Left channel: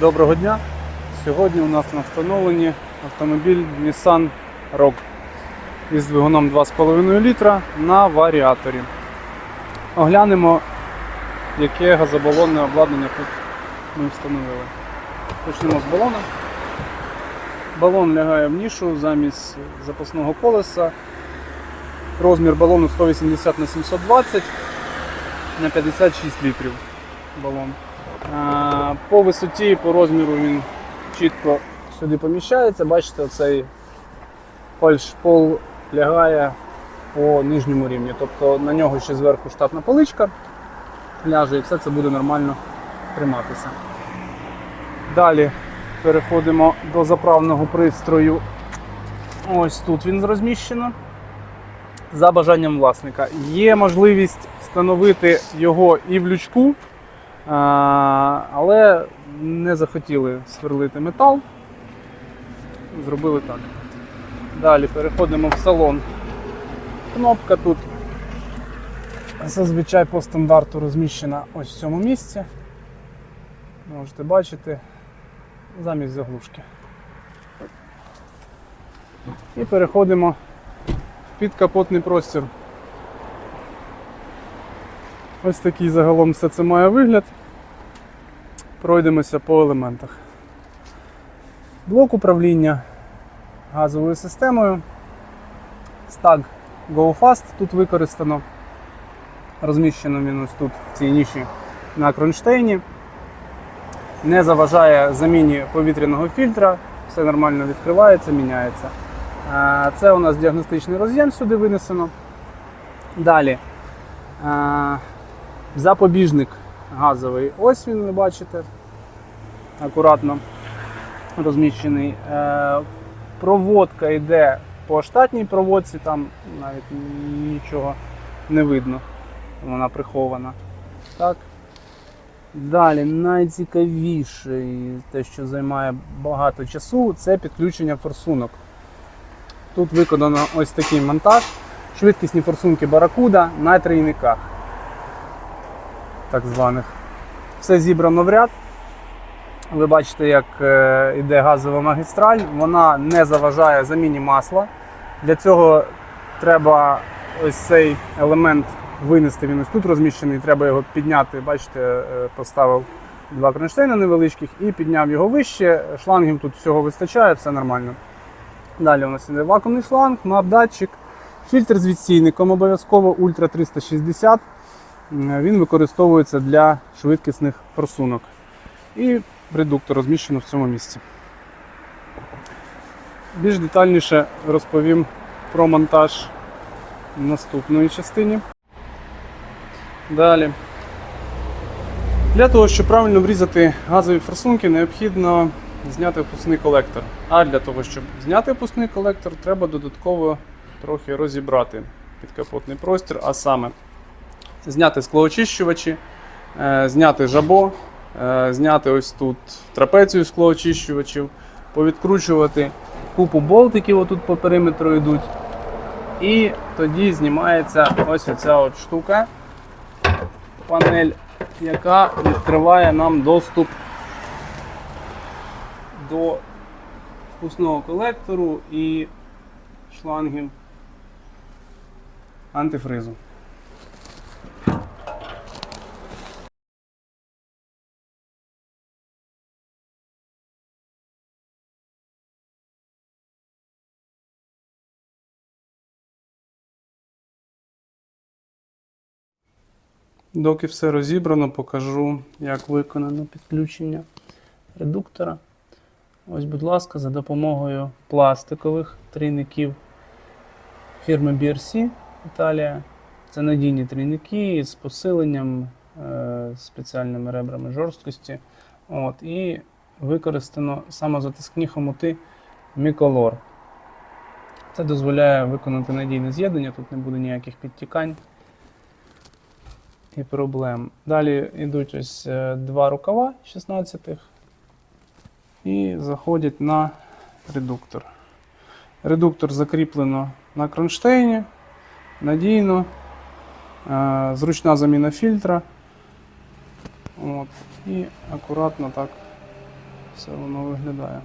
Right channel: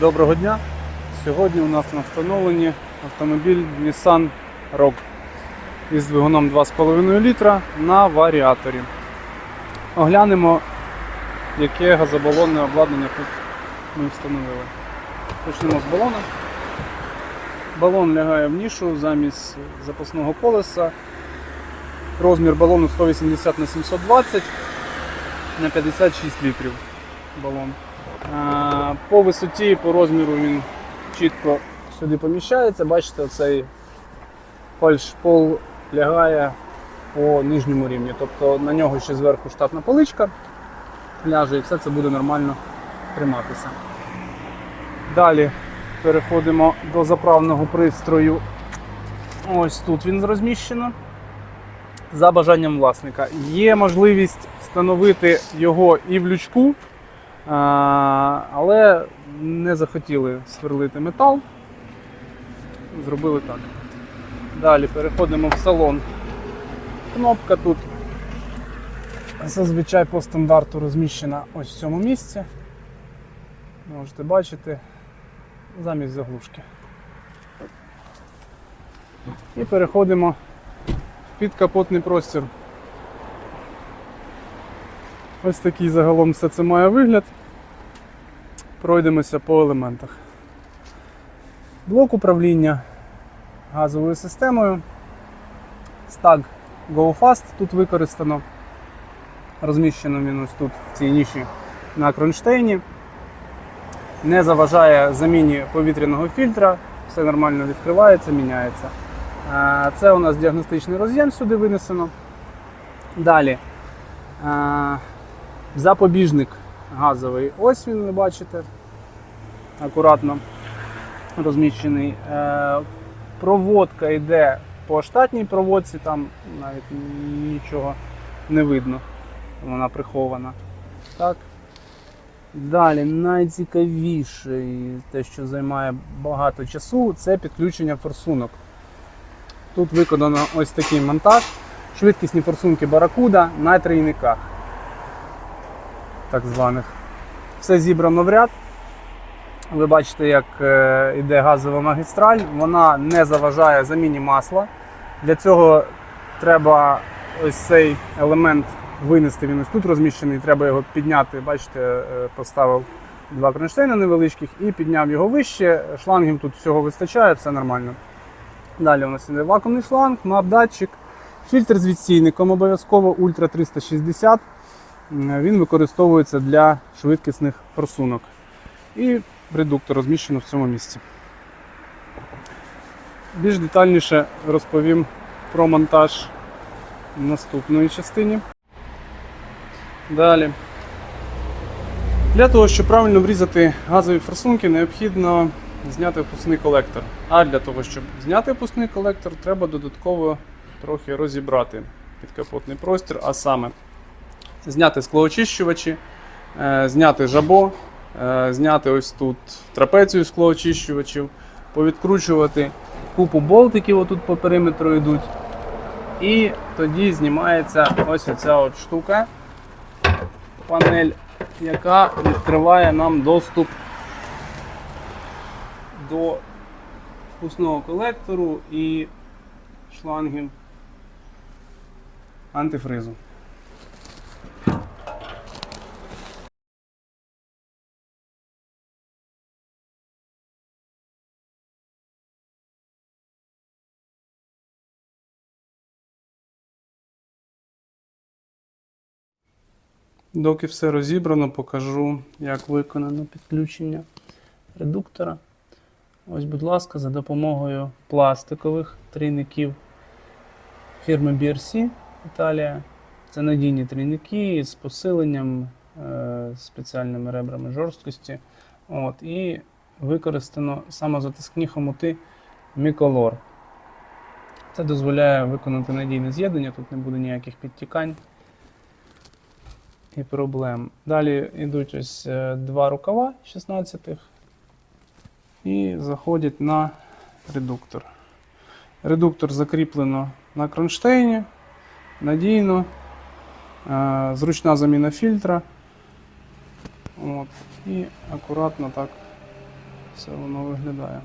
Доброго дня! Сьогодні у нас на встановленні автомобіль Nissan Rogue із двигуном 2,5 літра на варіаторі. Оглянемо, яке газобалонне обладнання тут ми встановили. Почнемо з балона. Балон лягає в нішу замість запасного колеса. Розмір балону 180 на 720 на 56 літрів балон. По висоті, по розміру він чітко сюди поміщається. Бачите, цей фальшпол лягає по нижньому рівні. Тобто на нього ще зверху штатна поличка ляже і все це буде нормально триматися. Далі переходимо до заправного пристрою. Ось тут він розміщено. За бажанням власника. Є можливість встановити його і в лючку, але не захотіли сверлити метал. Зробили так. Далі переходимо в салон. Кнопка тут зазвичай по стандарту розміщена ось в цьому місці. Можете бачити замість заглушки. І переходимо в підкапотний простір. Ось такий загалом все це має вигляд. Пройдемося по елементах. Блок управління газовою системою. Stag Go Fast тут використано. Розміщено він ось тут в цій ніші на кронштейні. Не заважає заміні повітряного фільтра, все нормально відкривається, міняється. Це у нас діагностичний роз'єм сюди винесено. Далі запобіжник газовий. Ось він, ви бачите, акуратно розміщений. Е, Проводка йде по штатній проводці, там навіть нічого не видно, вона прихована. Так. Далі найцікавіше, те, що займає багато часу, це підключення форсунок. Тут виконано ось такий монтаж. Швидкісні форсунки Баракуда на трійниках. Так званих. Все зібрано в ряд. Ви бачите, як е, йде газова магістраль. Вона не заважає заміні масла. Для цього треба ось цей елемент винести. Він ось тут розміщений, треба його підняти. Бачите, е, поставив два кронштейни невеличких і підняв його вище. Шлангів тут всього вистачає, все нормально. Далі у нас іде вакуумний шланг, мап-датчик, фільтр з відстійником обов'язково Ультра 360. М, Він використовується для швидкісних форсунок. І редуктор розміщено в цьому місці. Більш детальніше розповім про монтаж в наступної частині. Далі. Для того, щоб правильно врізати газові форсунки, необхідно зняти впускний колектор. А для того, щоб зняти впускний колектор, треба додатково трохи розібрати підкапотний простір, а саме зняти склоочищувачі, е, зняти жабо, е, зняти ось тут трапецію склоочищувачів, повідкручувати купу болтиків, отут по периметру йдуть. І тоді знімається ось оця от штука, панель, яка відкриває нам доступ до впускного колектору і шлангів антифризу. Доки все розібрано, покажу, як виконано підключення редуктора. Ось, будь ласка, за допомогою пластикових трійників фірми BRC Італія. Це надійні трійники з посиленням, е, спеціальними ребрами жорсткості. От, і використано самозатискні хомути Міколор. Це дозволяє виконати надійне з'єднання, тут не буде ніяких підтікань і проблем. Далі йдуть ось е, два рукава 16-х і заходять на редуктор. Редуктор закріплено на кронштейні, надійно, е, зручна заміна фільтра. От, і акуратно так це воно виглядає.